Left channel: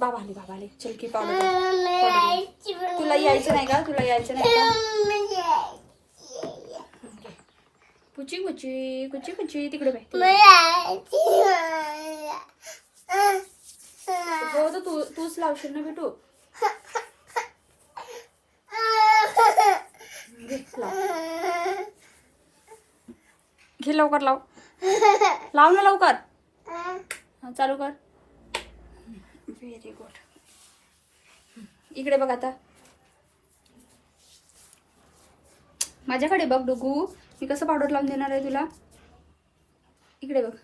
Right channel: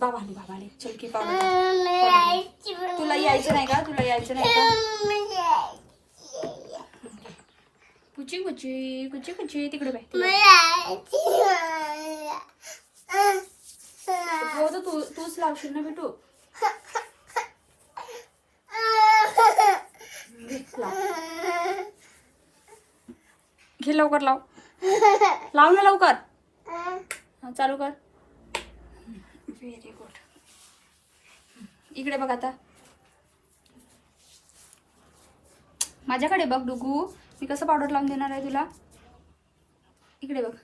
बाबा आले बाबा आले चल की पावडर तुला यायचं नाही का? तुला यायचं नाही का? कुची कुची कुची कुची तिकडे बाई हो तर तू तूच लावशील ना बेटू घे लवकर लाव. लाव ना लवकर. हा चालू कर. व्हेरी गुड इकडे बघ आता. माझ्याकडे बघ डुगू. मी कसं पावडर लावून देणार आहे तुला? इकडे बघ.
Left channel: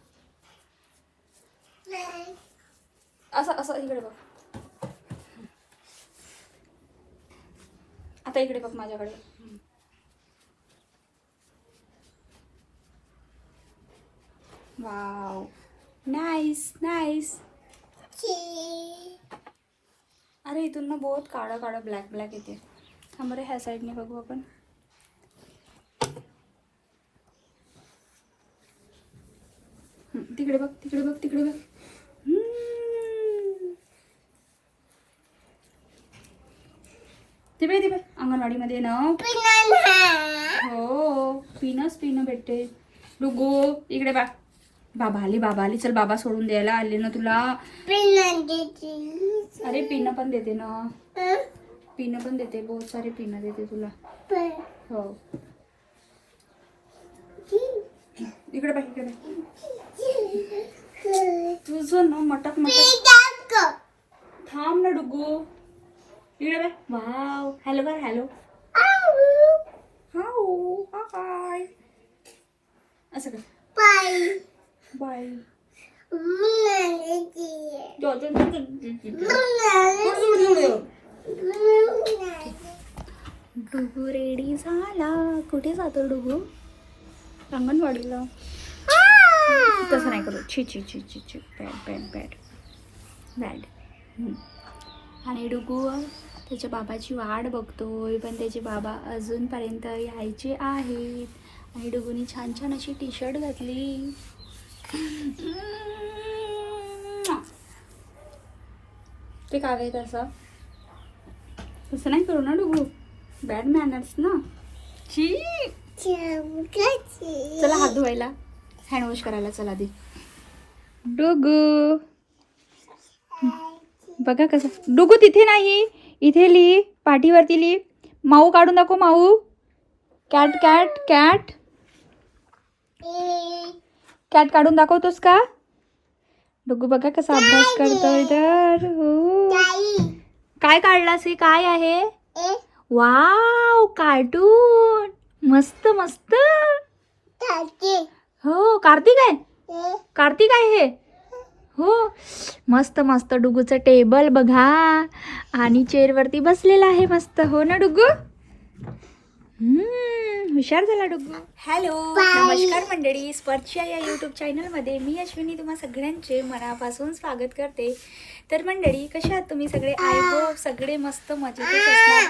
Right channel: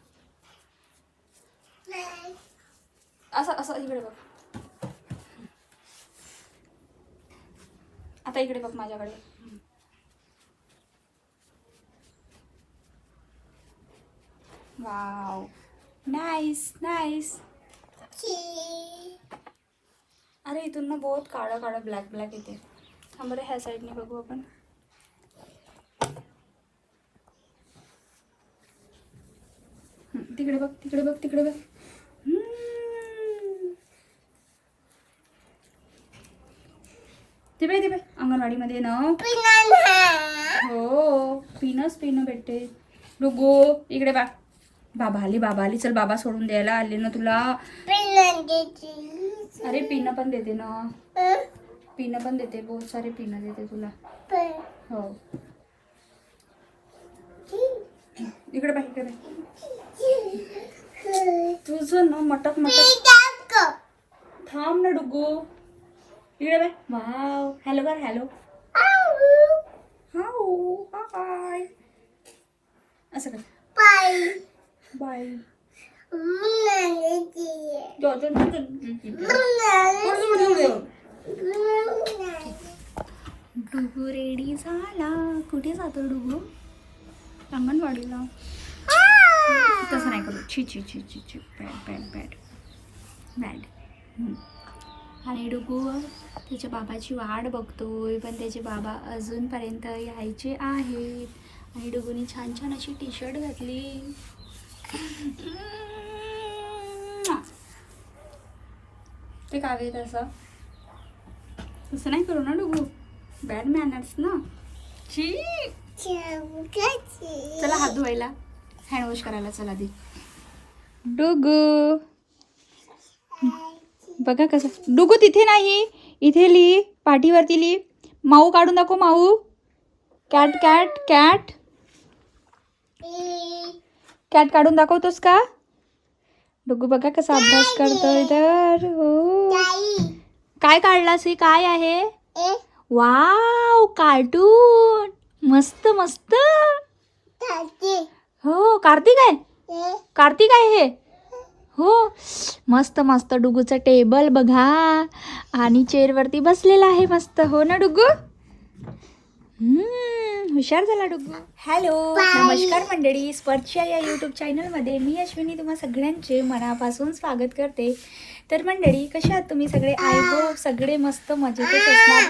असं असं इकडे बघ. आता इकडे बघ माझ्याकडे. वाव नाईस नाईस अरे इथून ना बहुत काळं काळं ब्लॅक ब्लॅक येते. थांब बरं ह्या साईडने बघू आपण. तिकडे बघ तिकडे बघ तिकडे बघ. ती बाई ती बाई अंगणवाडीमध्ये ना. हो पिनच पिणं भेटते डुगू इकडे बा. बाबा आली बाबा आली. चल बाबा सोडून द्यायला आले ना तुला. अरे पिणं पण देते ना. पिणं पण देते बहुत सारे पिनं देते तुला. हो. इकडे बा इकडे बा तुझं ना मटक मटक. थांब ना डुगू. इकडे बाय वाव. हॅलो बर हॅलो. हाऊ. हाय. असं कर. बाय डुगू रेडी झाला. कुठे जातो डुगू? अंगणवाडीला. तसं नाही करू. छी छी छी छी छी. बॅड बॅड बॅड बॅड हम्म. आणि डुगू त्याच्या बाबाची वाट बघतोय पण त्याचे बाबा अजूनपर्यंत यायचे आहेत. आणि डुगूनी छान छान अशी टी शर्ट घातली. ते काय आहे तसं तसं नाही करू ना डुगू. बॅड मॅनर्स ना. छी. चला हात धुवायला. हँडवॉश करायला चला दे डुगू. बघा कसं. डुगू तिथे नाही. इथे लिही. पाठीवरती लिही. माऊ काढून दाखव माऊ. Cat cat cat. कॅट काढून दाखवतोस का? डुगू बघा कसा अभ्यास करतोय तर हो. काय काढलास हे काय आहे? Wow cartoon. मस्त मस्त. हो कार्तिक आहे? कार्तिक आहे हे? हो. मस्त मस्त डुगूचं टेबल बघा. आणि चेअरवरती बसलेला आहे मस्त. हो ना डुगू? हुशार झाला डुगू हॅलो नमस्कार मंडळी. स्पर्शा या यूट्यूब चॅनलमध्ये मी अश्विनी तुम्हा सगळ्यांचे मनापासून स्वागत करते. तर मंडळी कशा आहात तुम्ही सगळे? आय होप सगळे मस्त मजेतच असणार.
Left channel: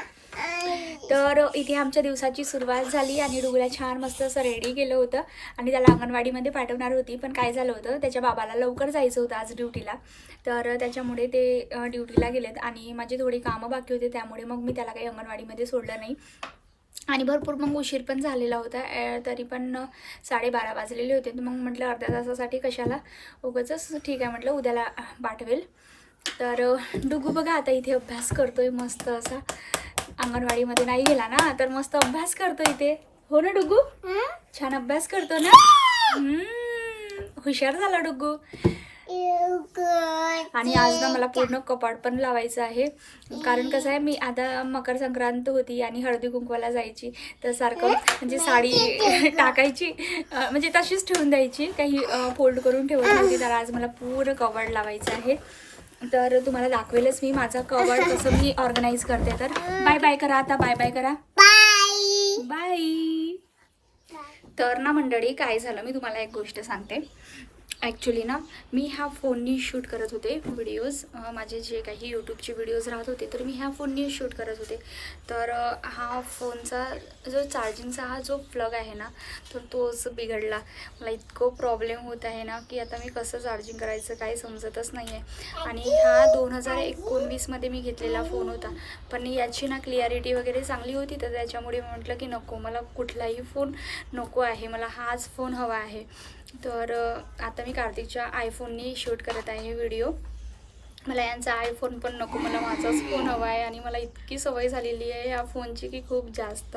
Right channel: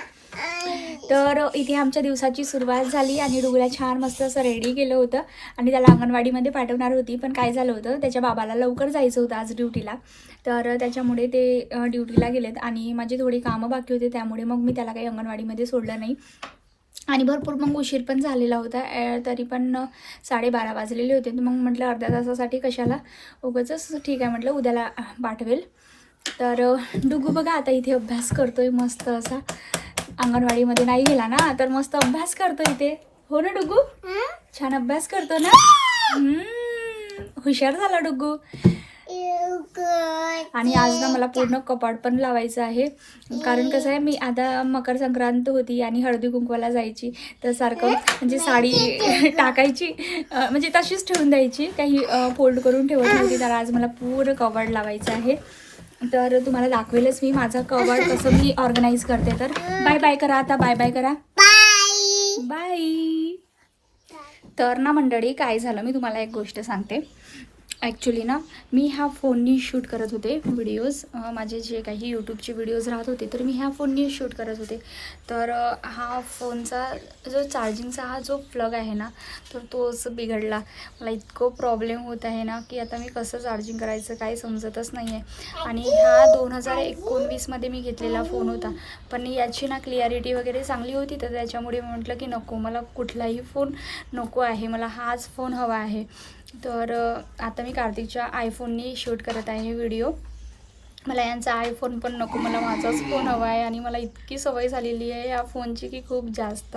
तर इथे आमच्या दिवसाची सुरुवात झाली आणि डुगूला छान मस्त असं रेडी केलं होतं आणि त्याला अंगणवाडीमध्ये पाठवणार होती. पण काय झालं होतं त्याच्या बाबाला लवकर जायचं होतं आज ड्युटीला तर त्याच्यामुळे ते ड्युटीला गेलेत आणि माझी थोडी कामं बाकी होते त्यामुळे मग मी त्याला काही अंगणवाडीमध्ये सोडलं नाही. आणि भरपूर मग उशीर पण झालेला होता. तरी पण साडेबारा वाजलेले होते. तर मग म्हटलं अर्ध्या तासासाठी कशाला? उगाचच ठीक आहे म्हटलं उद्याला पाठवेल. तर डुगू बघा आता इथे अभ्यास करतोय मस्त असा. अंगणवाडीमध्ये नाही गेला ना तर मस्त अभ्यास करतो इथे. हो ना डुगू? छान अभ्यास करतो ना? हुशार झाला डुगू. आणि आज ना मला पूर्ण कपाट पण लावायचं आहे. कारण कसं आहे मी आता मकर संक्रांत होती आणि हळदी कुंकवाला जायची. तर सारखं म्हणजे साडी टाकायची म्हणजे तशीच ठेवून द्यायची. काही फोल्ड करून ठेवत नव्हती तर आज मला पूर्ण कपाट लावायचं आहे. तर तुम्हाला दाखवेलच मी माझं कपाट कसं मी ऑर्गनाईज करते. तर बाय बाय करा आता बाय बाय करा. बाय. तर ना मंडळी काय झालं? मी तुम्हाला एक गोष्ट सांगते. ॲक्च्युली ना मी ह्या फोननी शूट करत होते व्हिडिओज माझे जे काही यूट्यूबचे व्हिडिओज राहत होते तर मी ह्या फोननी शूट करत होते. तर हा फोनचा जो चार्जिंगचा हा जो प्लग आहे ना तर तोच बिघडला. मला इतकं प्रॉब्लेम होत आहे ना की आता मी कसं चार्जिंग करायचं काही समजतच नाही आहे आणि हा दोन हजार एकोणवीसमध्ये मी घेतलेला फोन होता. पण याची ना क्लिअरिटी वगैरे चांगली होती तर त्याच्यामुळे म्हटलं की नको मला कुठलाही फोन नको आहे. मला हाच फोन हवा आहे. तर आता मी कार्तिकच्या आयफोननी शूट करत आहे व्हिडिओ मला यांचा आयफोन पण नको मला माझाच फोन हवा आहे आणि मला इतकी सवय झालेली आहे या फोनची की खूप जास्त.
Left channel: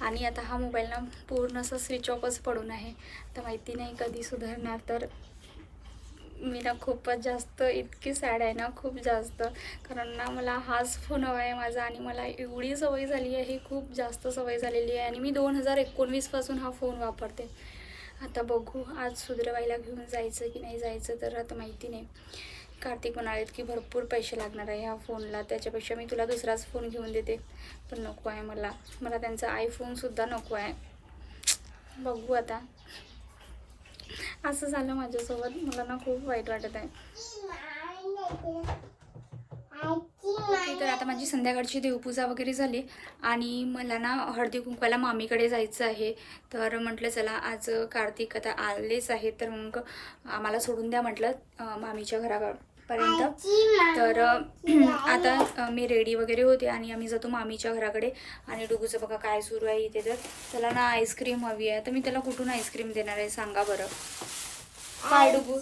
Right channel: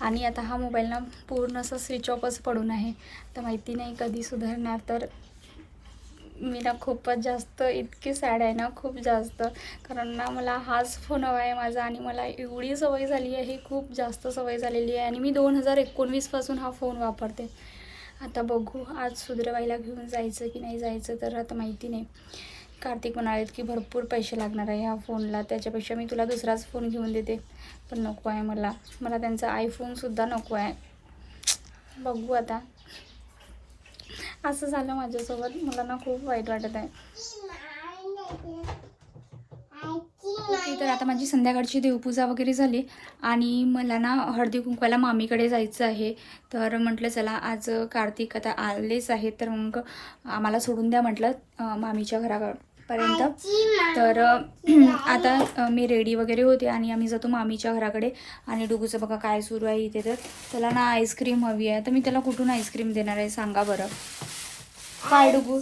आणि आता हा मोबाईल ना पूर्ण असा स्विच ऑफच पडून आहे. तर माहिती नाही कधी सुधारणार तर मी ना खूपच जास्त इतकी सॅड आहे ना खूप जास्त. कारण ना मला हाच फोन हवा आहे माझा आणि मला एवढी सवय झाली आहे खूप जास्त सवय झालेली आहे. आणि मी दोन हजार एकोणवीसपासून हा फोन वापरते. आता बघू आज सुधरवायला घेऊन जायचं की नाही जायचं तर आता माहिती नाही. कार्तिक म्हणालेत की भरपूर पैसे लागणार आहे ह्या फोनला. त्याच्यापेक्षा मी तुला दुसराच फोन घेऊन देते. पण नको आहे मला. मला त्यांचा आयफोनसुद्धा नको आहे. बघू आता. असं झालं माझ्यासोबत. मला ना खूप वाईट वाटत आहे. ओके तर आता माझी संध्याकाळची देवपूजा वगैरे झाली आणि मला ना हळदी कुंकवाला मामीकडे जायचं आहे. तर म्हटलं चला आज कार्तिक आता आलेच आहे. तर मग आम्हाला सोडून द्या म्हटलं मामीच्या घरापर्यंत. तर आता मी रेडी वगैरे होते आणि आम्ही जातो मामीच्या घराकडे आणि डुगूचं बघा काय सुरू आहे इथे तर. त्याला ना आईस्क्रीम हवी आहे. तर मी त्याला कुठून आईस्क्रीम देणार आहे सांगा बरं. काय डुगू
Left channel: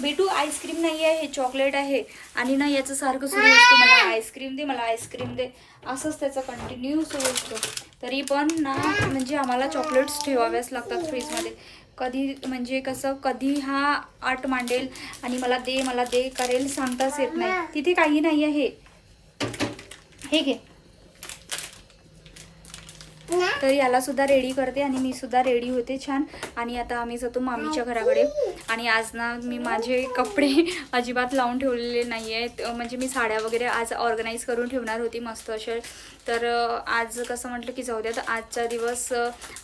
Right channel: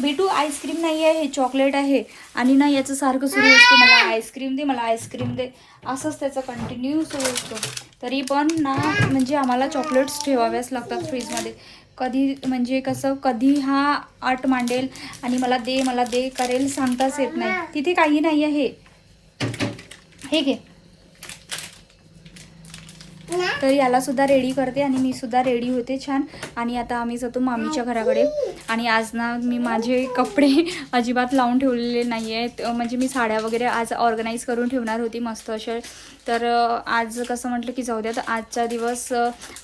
बिटू आईस्क्रीम नाही आहे हे चॉकलेट आहे. आणि ना याचं सारखं सुरू असतं मला आईस्क्रीम दे मला आईस्क्रीम दे. असंच त्याचं कंटिन्यू सुरू असतो. तरी पण ना म्हणजे आम्हाला चॉकलेट्स ठेवाव्याच लागतात फ्रीजमध्ये कधी म्हणजे कसं कधी हा आट मांडेल आणि मला दे मला दे करेल सांगताच येत नाही. तिथे काही नाही आहे हे घे. तर याला सुद्धा रेडी करते आणि मी सुद्धा रेडी होते छान. आणि आता आम्ही जातो मामीच्या घराकडे. आणि आज ना मी माझे कपडे अजिबात लावून ठेवलेले नाही आहेत म्हणजे मी साड्या वगैरे आज ऑर्गनाईज करून ठेवणार होती मस्त असे तर आज कसं म्हटलं की जाऊ द्या तर आजचा दिवस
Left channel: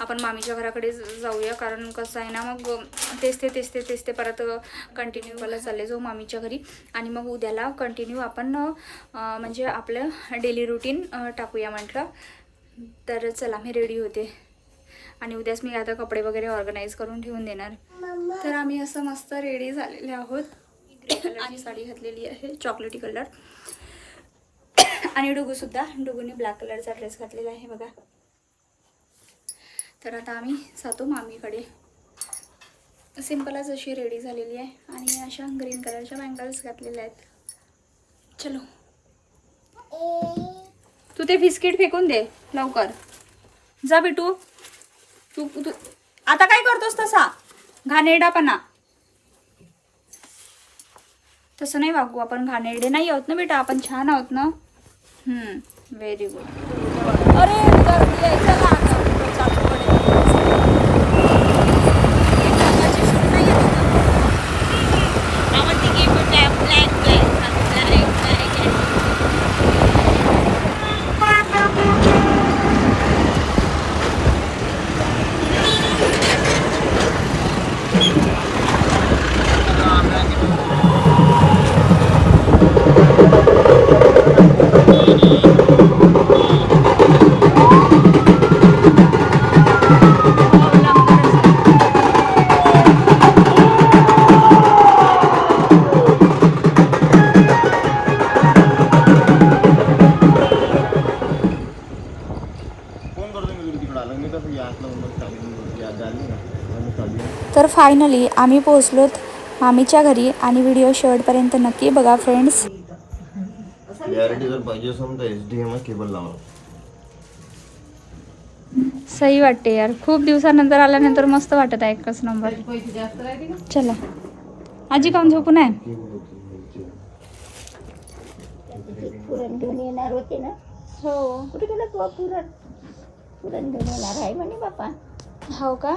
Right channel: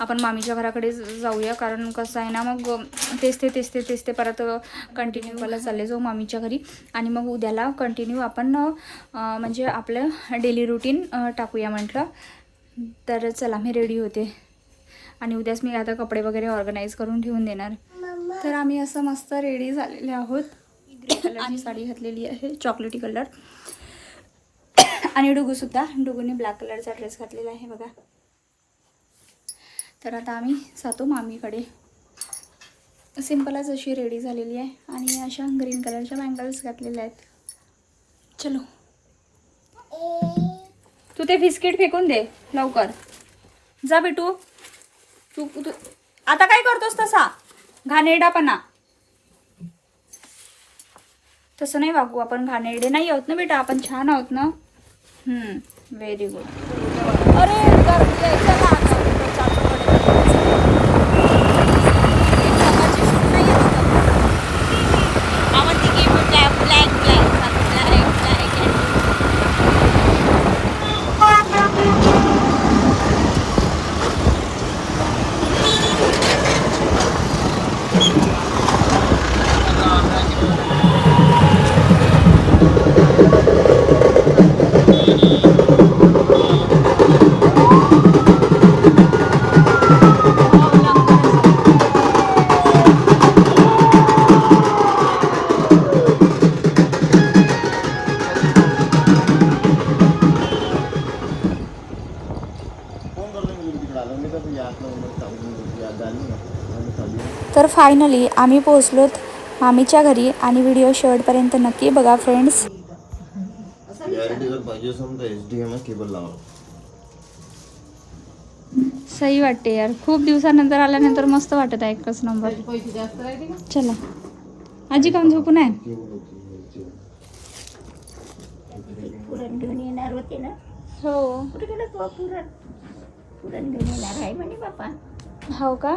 आपण मामीच्या घराकडे जाऊया. कारण कसं आहे ना मग तेच ते तेच ते तेच ते परत कंटिन्यू मला चालले जाऊ मामीच्या घरी. आणि मग उद्याला कंटिन्यू आपण म्हणजे आपलं डेली रुटीन टाकूया म्हटलं. तर चला मी रेडी होते. आणि उद्याच मी आता कपडे वगैरे ऑर्गनाईज करून ठेवून देणार. तर आम्ही असं मस्त रेडी झालेले आहोत. ग्रे कलरची साडी घातलेली आहे चॉकलेटी कलर आणि डुगूसुद्धा डुगूने ब्लॅक कलरचा ड्रेस घातलेला आहे बघा. तर आता आम्ही जातो मामीकडे. सिम्पलच अशी रेडी झालेली आहे. आणि अशा ग्रीन कलरच्या बँगल्स घातलेल्या आहेत. चलो. तू ते बिस्किट फेकून दे लवकर. जा बिटू. तू तू आता काय करतोस तसा? घाणेरडापणा. तसं नाही वागू आपण घाणेरडे नाही आहोत ना बेटा आपण छान आहोत ना? व्हेरी गुड फायनली आम्ही पोहोचलोत मामीच्या घरी आणि व्हिडिओ शेवटपर्यंत नक्की बघा फ्रेंड्स सही वाटते यार. खूप दिवसानंतर आल्यानंतर मस्त वाटत आहे एकच नंबर चला. आजी काऊन झोपून आहे पुरण घेऊन येणार होते ना? हो. कुठे गेला तो पुरण पुरण घेऊन येणार आहे म्हणे बापा. हो का?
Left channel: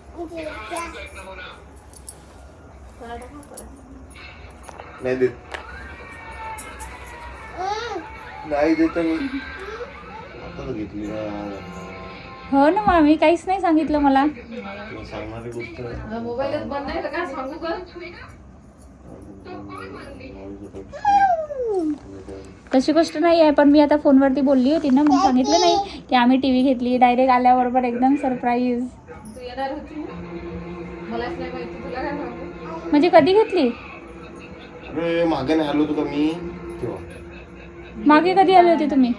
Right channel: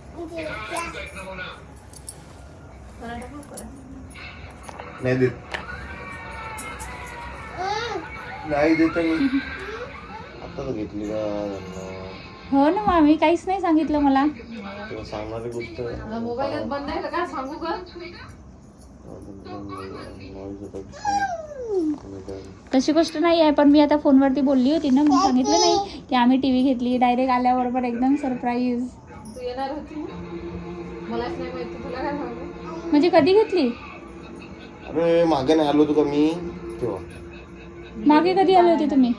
नाही देत. नाही देत मी. आता घेतली का? हो ना मामी काहीच नाही सांगितलं मला. तुला सांगणारी गोष्ट मोबाईलच बंद नाही तर काय सांगू का तशी गोष्ट नाही आहे पण मी आता फोनवरती बोलली होती ना मग सांगितलं नाही की आम्ही टी व्ही घेतली डायरेक्ट आल्याबरोबर एकदम सरप्राईज तू येणार होती म्हणजे कधी घेतली? अरे मागे नाही आलो तुका मी? तेव्हा. मागे कधी आले होते तुम्ही?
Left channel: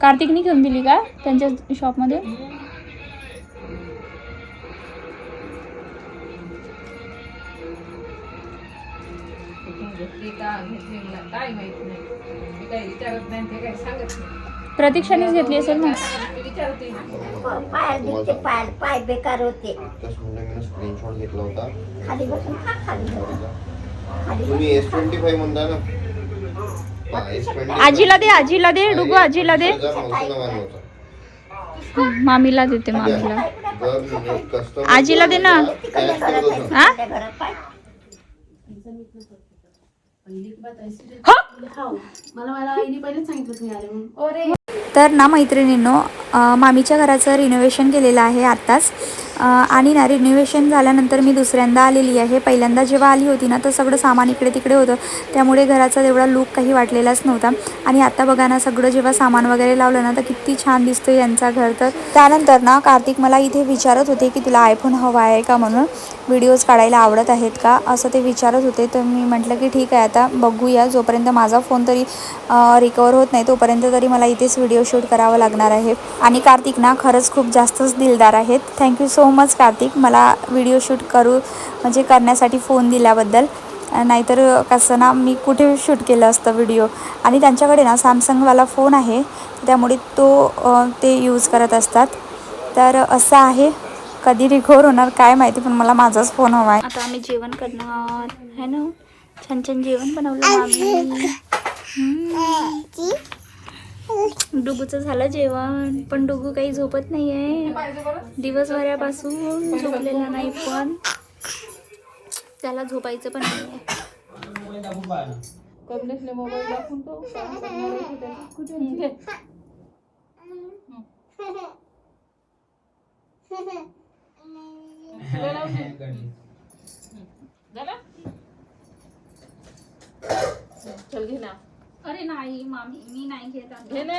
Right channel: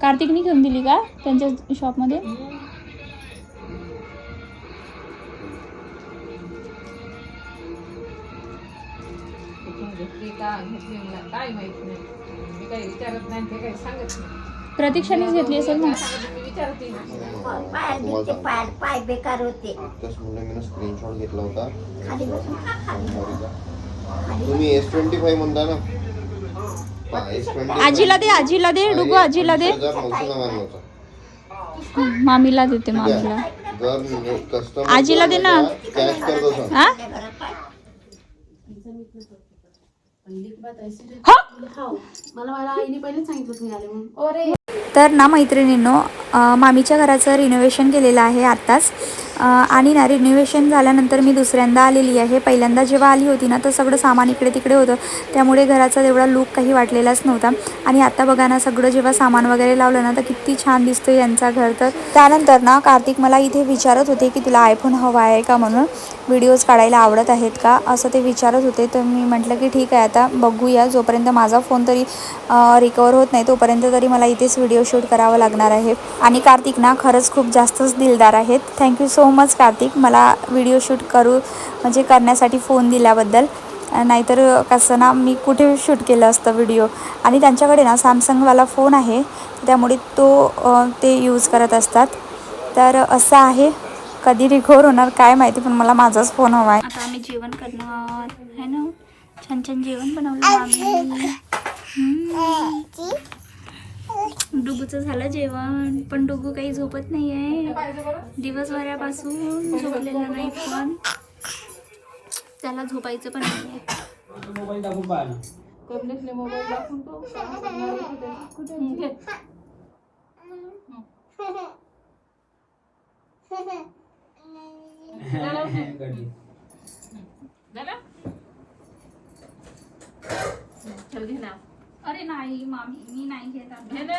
कार्तिकनी घेऊन दिली का त्यांच्या शॉपमध्ये? प्रतीक्षानेच घेतली असेल ना? विचारते. पाय पाय पाय बेकार होते आत्ताच म्हणजे मी स्क्रीनशॉट घेतला होता. खाली बसून खा खाली बसून. तुम्ही एस ट्वेंटी फाईव्ह म्हणता ना? एस ट्वेंटी आजीला दे आजीला दे डुगू आजीला दे. मामीला देते मामीला. कस्टमर आजीला दे ना. हा? तर ना मैत्रिणींनो मामीच्या घराचं रिनोव्हेशन केलेलं आहे आत्ताच. आणि ना रिनोव्हेशन झाल्यानंतर मी दुसऱ्यांदा आलेली आहे. पहिल्यांदा जेव्हा आली होती ना तर सगळं सामान इकडे तिकडे होतं. त्यामुळे घराचा तेवढा लूक काही वाटलेलाच नव्हता. आणि आता बघा ना सगळं जेव्हा सामान वगैरे लावलं ना तर किती छान दिसतं यांचा घर. तर त्यानंतर ना कार्तिक मला इथे विचारत होते की तुला आयफोन हवा आहे का म्हणून? व्हिडिओज काढायला आवडत आहेत का? असं ते विचारत होते. तर मी म्हटलं की ठीक आहे आता बघूया. जोपर्यंत माझा फोन तरी रिकवर होत नाही तोपर्यंत तरी मला इथेच व्हिडिओ शूट करावा लागणार आहे. आणि कार्तिक ना खरंच खूप जास्तच दिलदार आहेत. थँक्यू सो मच कार्तिक मला व्हिडिओ शूट करू म्हणजे करण्यासाठी फोन दिल्याबद्दल. नाहीतर कसं ना मी कुठे शूट केलं असतं व्हिडिओ आणि त्यांच्याकडे ना सॅमसंगवाला फोन आहे. त्यामुळे तो ते यूज करत असतात. तर असं आहे. कधी रिकवर होणार काय माहिती पण मला माझाच फोन हवा आहे. आता आम्ही जेवण करणार. है ना? छान छान जेवण बनवलं आम्ही. डुगूचं झालं जेवण पण डुगू काही झोपत नाहीये. दिवसभरापासून झोपलेला नाही पण त्याला झोपायचं पण नाही आहे? चल घे ना. अरे नाही मामी मी नाही घेत घे ना.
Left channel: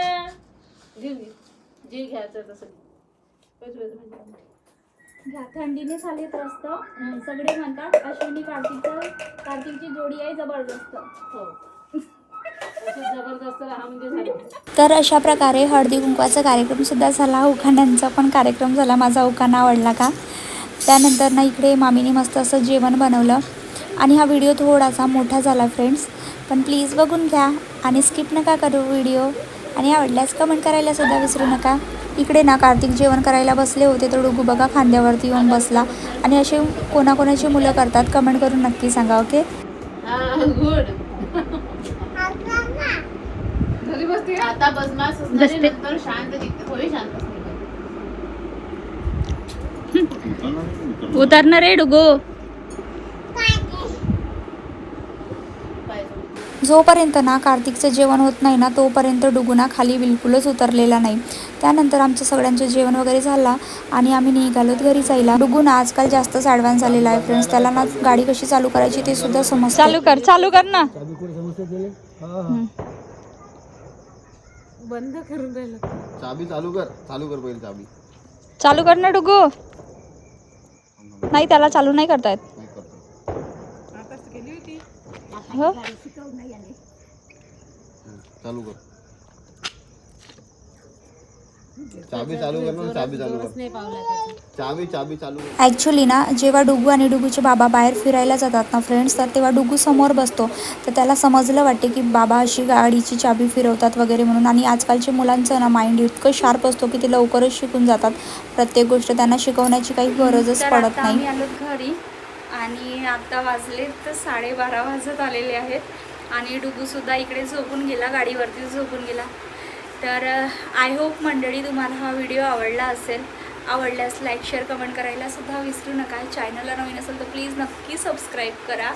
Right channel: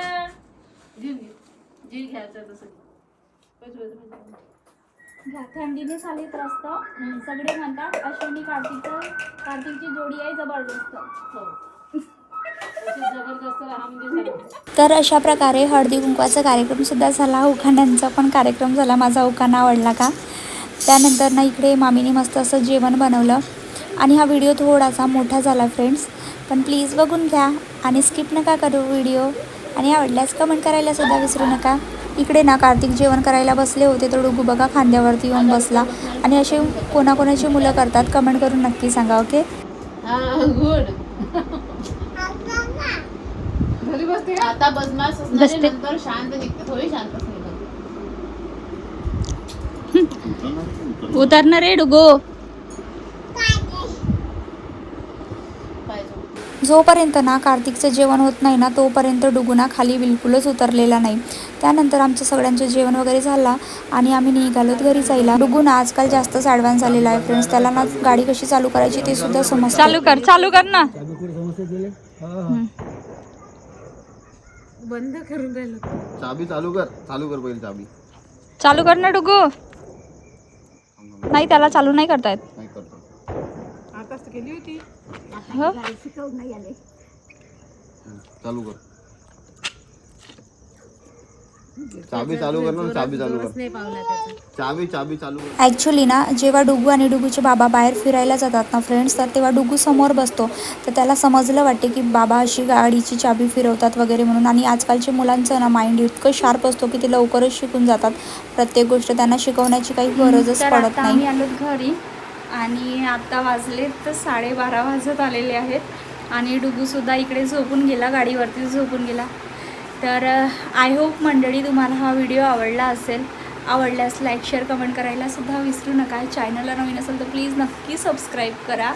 घे घे. जे घ्यायचं तसं घे. बस, बस, बस, बस. घ्या. थंडीने चालत रस्तं सगळे म्हणतात अश्विनी कार्तिकचं कार्तिकची जोडी आहे जबरदस्त. हो. झालं तर अशा प्रकारे हळदी कुंकवाचा कार्यक्रम सुद्धा झाला. उखाण्यांचा पण कार्यक्रम झाला. माझा उखाणा आवडला का? त्यानंतर ना इकडे मामीने मस्त असं जेवण बनवलं. आणि हा व्हिडिओ थोडासा मोठा झाला फ्रेंड्स पण प्लीज बघून घ्या आणि स्किप नका करू व्हिडिओ आणि आवडल्यास कमेंट करायला सुद्धा विसरू नका. इकडे ना कार्तिक जेवण करायला बसले होते तर डुगू बघा खांद्यावरती येऊन बसला. आणि असे कोणाकोणाची मुलं करतात कमेंट करून नक्की सांगा ओके गुड घरी बसते का? आता बदमाश असणारी बसते. नंतर शांत निघते थोडी शांत असते. उतरणार रे डुगू पाहिजे. जोपर्यंत ना कार्तिकचं जेवण होत नाही ना तोपर्यंत डुगुना खाली बिलकुलच उतरलेला नाही. त्यानंतर आमचं सगळ्यांचं जेवण वगैरे झाला आणि आम्ही निघालोत घरी जायला. डुगुना आजकाल जास्तच ॲडव्हान्स झालेला आहे फ्रेंड्स त्याला ना गाडी कशी चालू करायची ते सुद्धा समजतं. चालू कर चालू कर ना. बंद करून राहिलं. चाबी चालू कर चालू कर पहिले चाबी. चालू कर ना डुगू. नाही त्याला चालू नाही करता येत. नाही करतो. तर गेली होती. हो? शिकवून नाही आले. चालू कर. चाबी चालू कर ना चाबी चालू जोरच कर. नाही पावला त्याचा. चाबी चाबी चालू कर. ॲक्च्युली ना जेव्हा डुगू आणि डुगूचे बाबा बाहेर फिरायला जातात ना फ्रेंड्स तर तेव्हा डुगू समोर बसतो. तर त्याला समजलं वाटते की बाबा अशी गाडीची चाबी फिरवतात वगैरे म्हणून. आणि आजकालच्या मुलांचं ना माइंड इतकं शार्प असतो की ते लवकरच शिकून जातात. प्रत्येक गोष्ट त्यांना शिकवण्याची काही गरजच पडत नाही. घरी. आणि आत्ता वाजले तर साडेबारा वाजत आलेले आहेत. आणि डुगूसुद्धा इकडे झोपून गेला गाडीवरती झोपून गेला. तर आय होप मंडळी तुम्हाला हा व्हिडिओ आवडला असेल. आवडल्यास लाईक शेअर कमेंट करायला सुद्धा विसरू नका. चॅनलला नवीन असेल तर प्लीज नक्की सबस्क्राईब करा.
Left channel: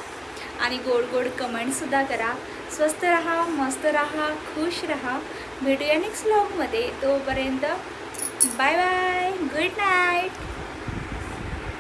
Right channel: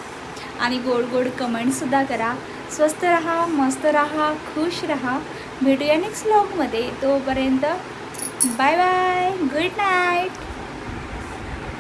आणि गोड गोड कमेंटसुद्धा करा. स्वस्त राहा मस्त राहा खुश राहा. भेटूया नेक्स्ट व्लॉगमध्ये तोपर्यंत बाय बाय गुड नाईट